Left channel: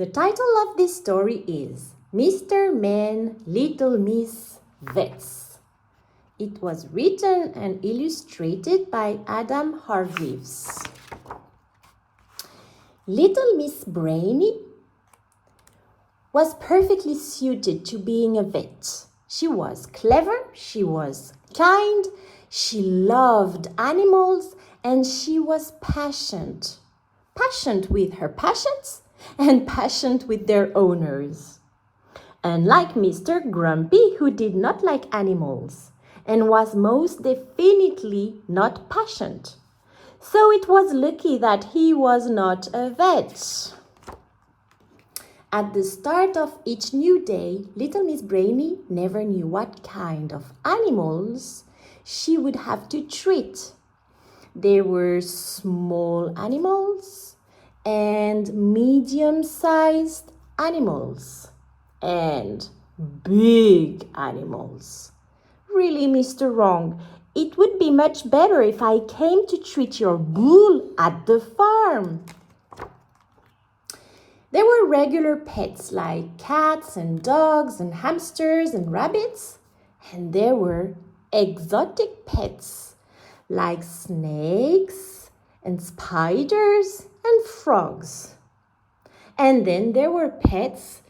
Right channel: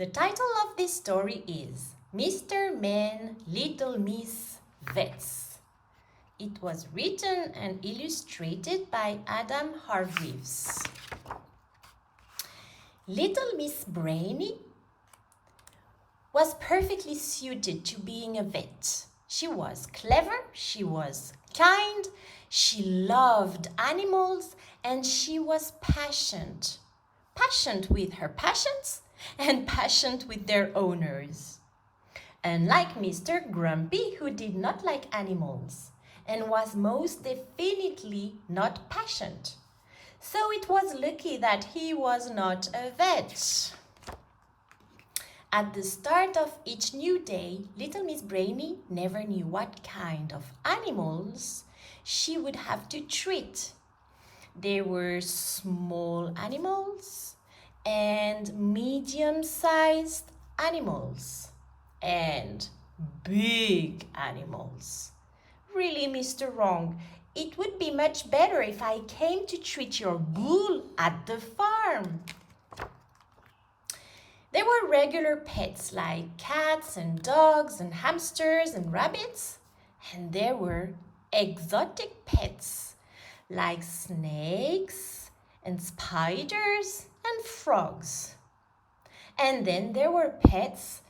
The title of this story is MR.MEN, LITTLE MISS Vets. It was written and illustrated by Adam Hargreaves. Little Miss Brainy was perfectly suited to being a vet. She was clever, she was kind, she loved animals, and she was patient. Patient with her patients and patient with their owners. Unlike Mr. Grumpy, who did not like animals and was most definitely not patient. So it was lucky that he was not a vet. At the start of each new day, little Miss Brainy never knew what kind of animals she would have to treat. There were small animals and medium-sized animals and big animals. Really, Mr. Wrong, it would be much better if I came to treat your bull at the farm. There were regular pets like cats and dogs and hamsters and rabbits, and there were exotic pets like snakes and spiders and frogs. And then there were pets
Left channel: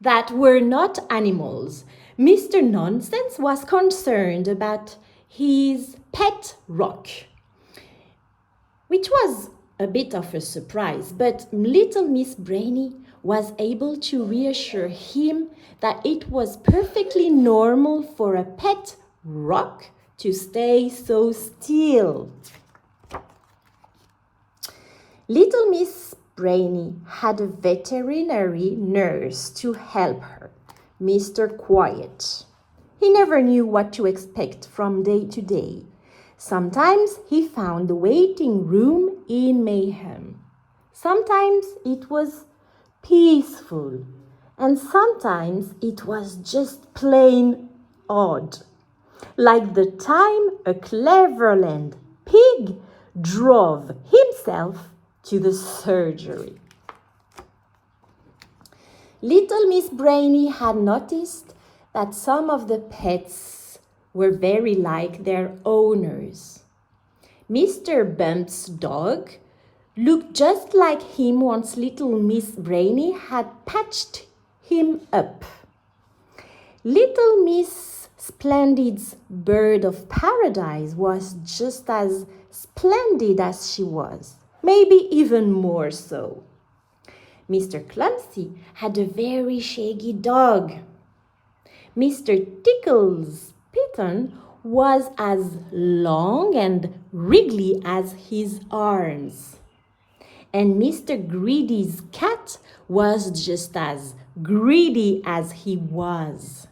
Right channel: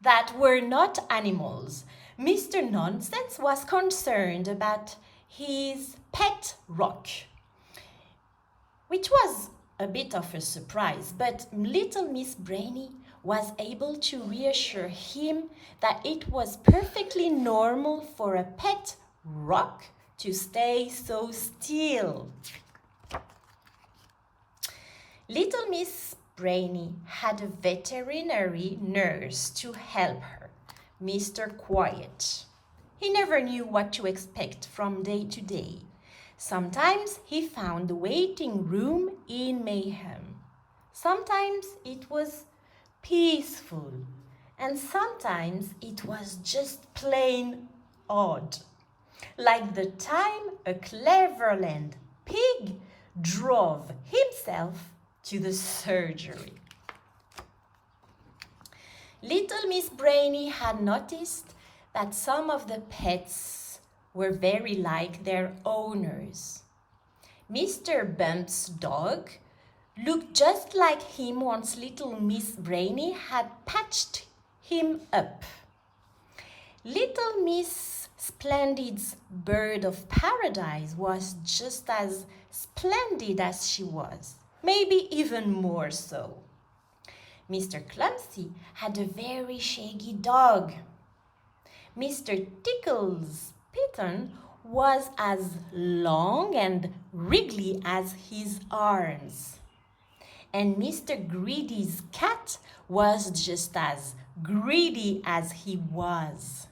that were not animals. Mr. Nonsense was concerned about his pet rock, which was a bit of a surprise, but little Miss Brainy was able to reassure him that it was perfectly normal for a pet rock to stay so still. Little Miss Brainy had a veterinary nurse to help her, Mr. Quiet. He never knew what to expect from day to day. Sometimes he found the waiting room in mayhem. Sometimes it was peaceful, and sometimes it was just plain odd. Like the time a Cleverland pig drove himself to the surgery. Little Miss Brainy had noticed that some of the pets were very like their owners. Mr. Bump's dog looked just like him once little Miss Brainy had patched him up. Little Miss Splendid's bird of paradise was just as splendid as she was, maybe even more so. Mr. Clumsy had a very shaggy dog. Mr. Tickle's kitten was as long and wriggly as his arms. And Mr. Greedy's cat was just as greedy as he was.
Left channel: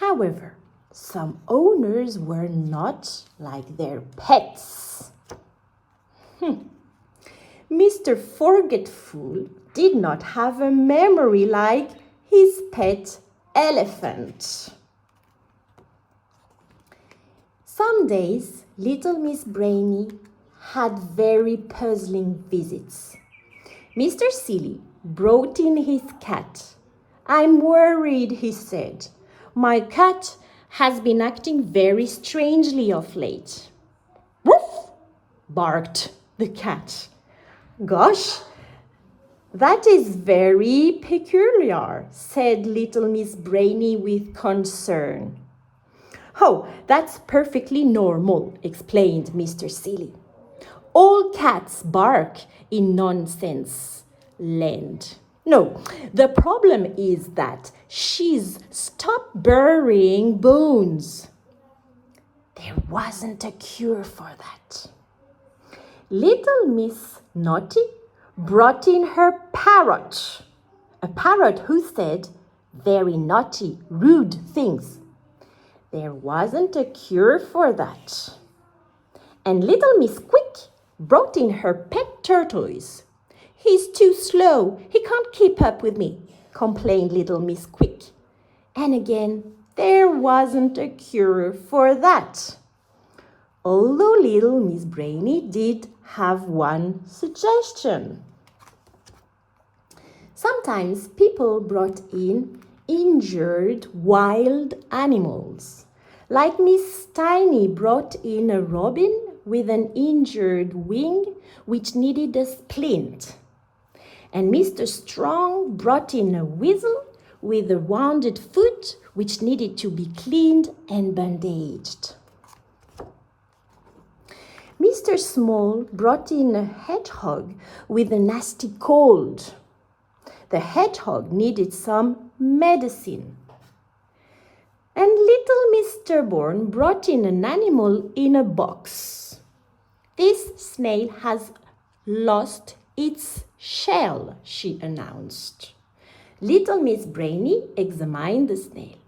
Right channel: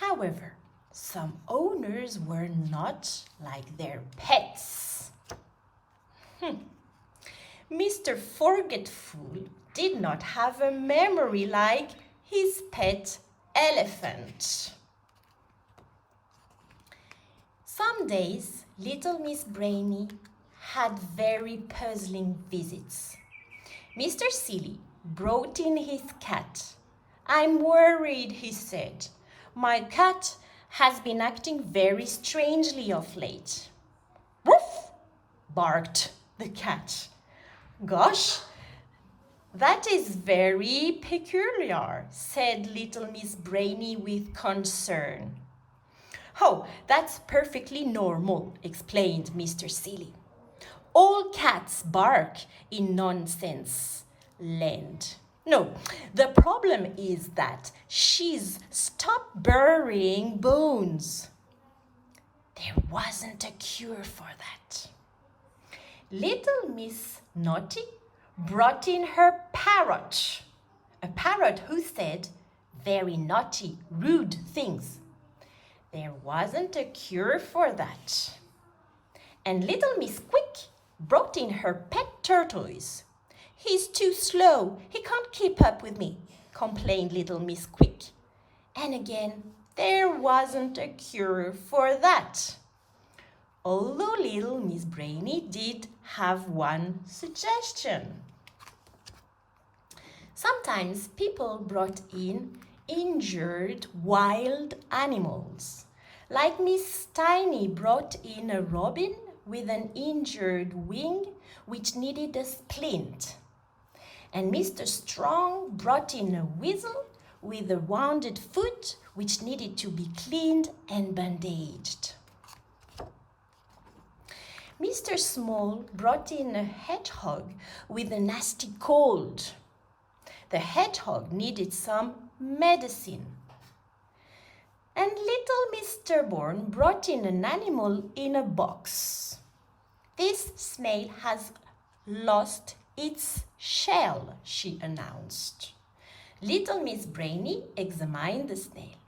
However, some owners were not like their pets. Mr. Forgetful did not have a memory like his pet elephant. Some days, little Miss Brainy had very puzzling visits. Mr. Silly brought in his cat. "I'm worried," he said. "My cat has been acting very strangely of late." "Woof!" barked the cat. "Gosh, that is very peculiar," said little Miss Brainy with concern. "Oh, that's perfectly normal," explained Mr. Silly. "All cats bark in nonsense land. No, the problem is that she's stopped burying bones." There wasn't a cure for that. Little Miss Naughty brought in her parrot, a parrot who said very naughty, rude things. There wasn't a cure for that. And little Miss Quick brought in her pet tortoise. "He's too slow, he can't keep up with me," complained little Miss Quick. And again, there wasn't a cure for that. Although little Miss Brainy did have one suggestion. Sometimes people brought in injured wild animals. Like Miss Tiny brought in a robin with an injured wing which needed a splint. And Mr. Strong brought in a weasel with a wounded foot which needed to be cleaned and bandaged. Mr. Small brought in a hedgehog with a nasty cold. The hedgehog needed some medicine. And little Mr. Bourne brought in an animal in a box. This snail has lost its shell, she announced. Little Miss Brainy examined the snail.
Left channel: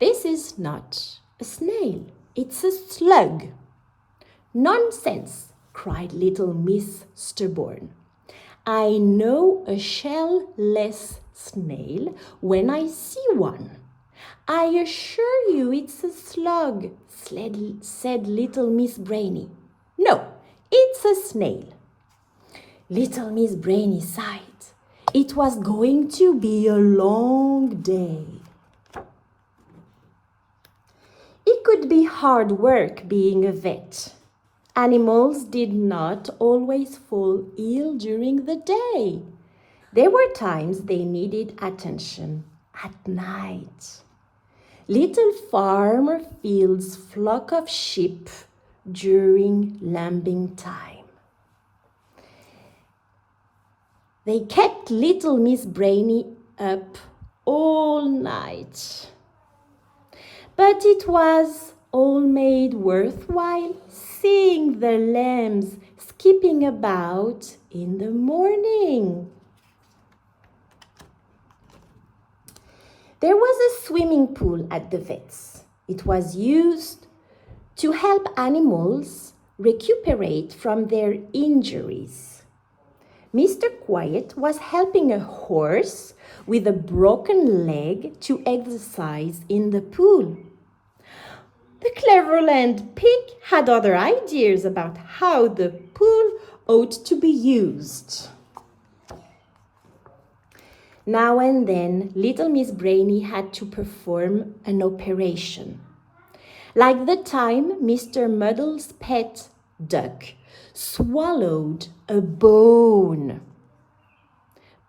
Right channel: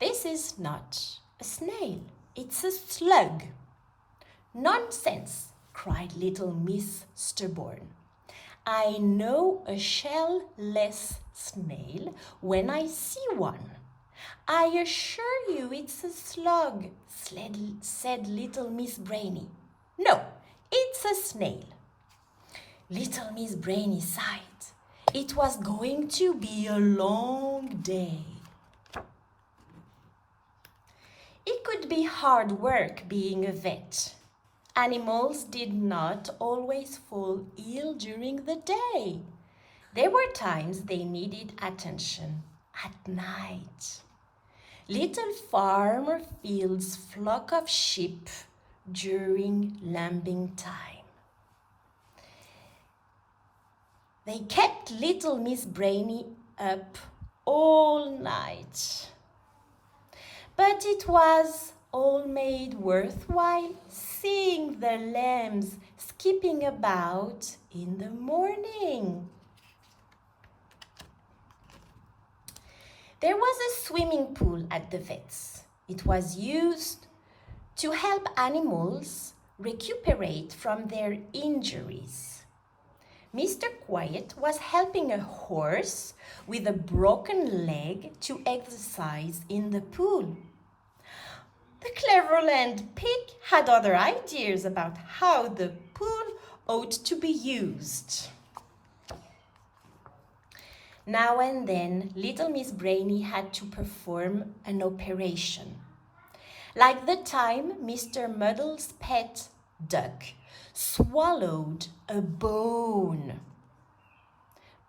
This is not a snail, it's a slug. Nonsense, cried little Mr. Bourne. I know a shell-less snail when I see one. I assure you it's a slug, said little Miss Brainy. No, it's a snail. Little Miss Brainy sighed. It was going to be a long day. It could be hard work being a vet. Animals did not always fall ill during the day. There were times they needed attention at night. Little Farmer Field's flock of sheep during lambing time. They kept little Miss Brainy up all night. But it was all made worthwhile seeing the lambs skipping about in the morning. There was a swimming pool at the vet's. It was used to help animals recuperate from their injuries. Mr. Quiet was helping a horse with a broken leg to exercise in the pool. The Cleverland pig had other ideas about how the pool ought to be used. Now and then, little Miss Brainy had to perform an operation. Like the time Mr. Muddle's pet duck swallowed a bone.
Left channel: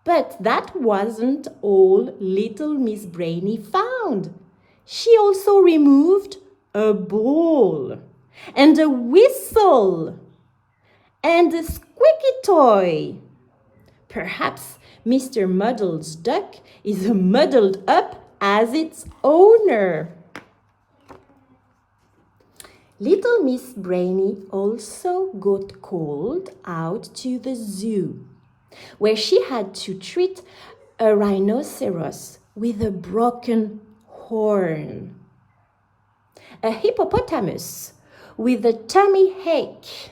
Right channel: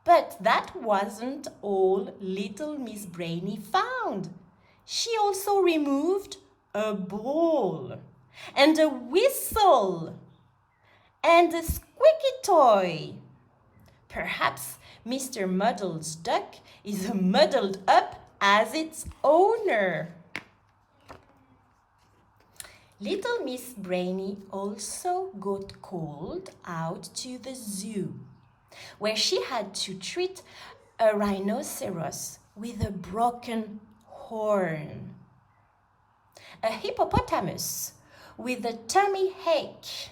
But that wasn't all little Miss Brainy found. She also removed a ball and a whistle and a squeaky toy. Perhaps Mr. Muddle's duck is muddled up as its owner. Little Miss Brainy also got called out to the zoo, where she had to treat a rhinoceros with a broken horn, a hippopotamus with a tummy ache,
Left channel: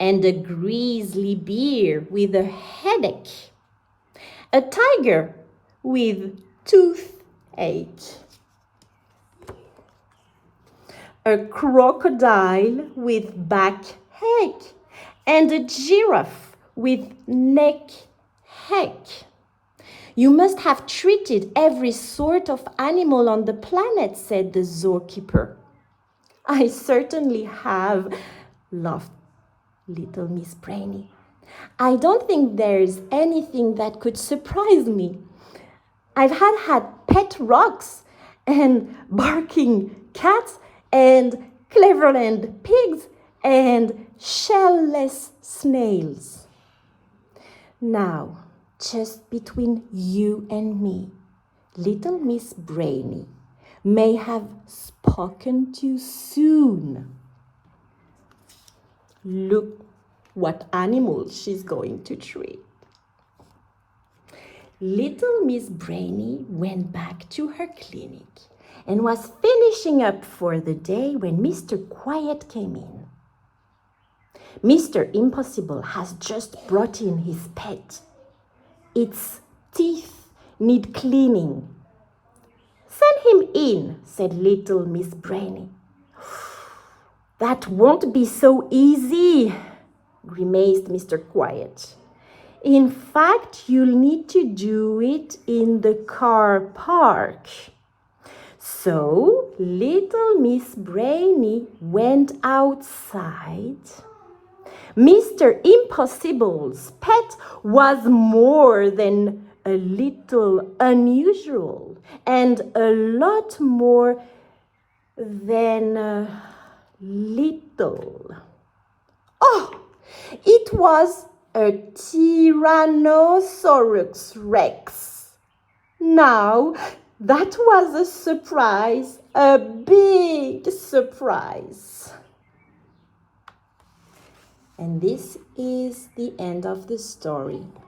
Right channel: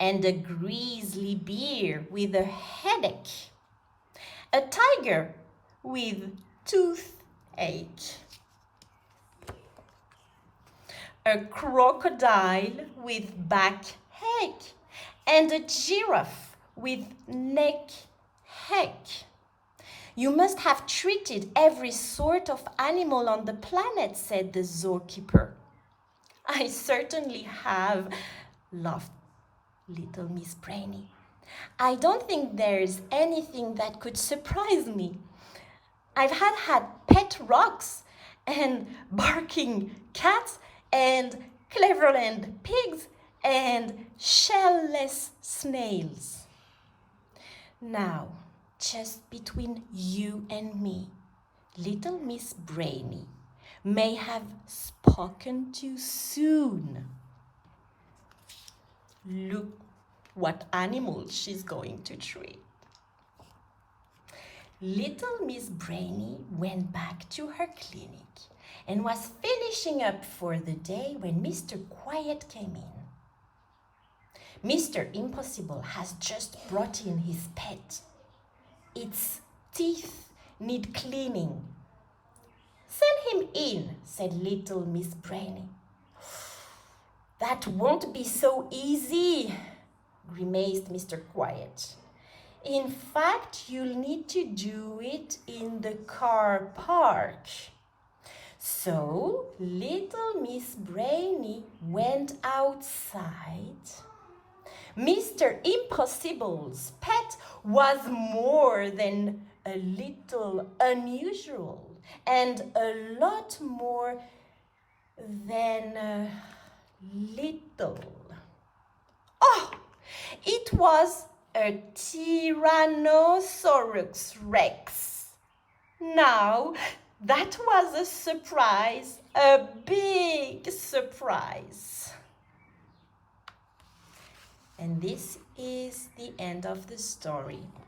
and a grizzly bear with a headache, a tiger with toothache, a crocodile with backache, and a giraffe with neck-ache. You must have treated every sort of animal on the planet, said the zookeeper. I certainly have, laughed little Miss Brainy. I don't think there's anything that could surprise me. I've had pet rocks and barking cats and Cleverland pigs and shell-less snails. Now, just between you and me, little Miss Brainy may have spoken too soon. Look what animal she's going to treat. Little Miss Brainy went back to her clinic and was finishing up for the day when Mr. Quiet came in. Mr. Impossible has just brought in his pet. Its teeth need cleaning. Send him in, said little Miss Brainy. That won't be so easy, grimaced Mr. Quiet. In fact, you'll need to do it in the car park. So, little Miss Brainy went outside. Mr. Impossible's pet was more than a little unusual and a lot more than little. Oh, it was a Tyrannosaurus Rex. Now, that was a surprise, a big surprise. And this is the end of the story.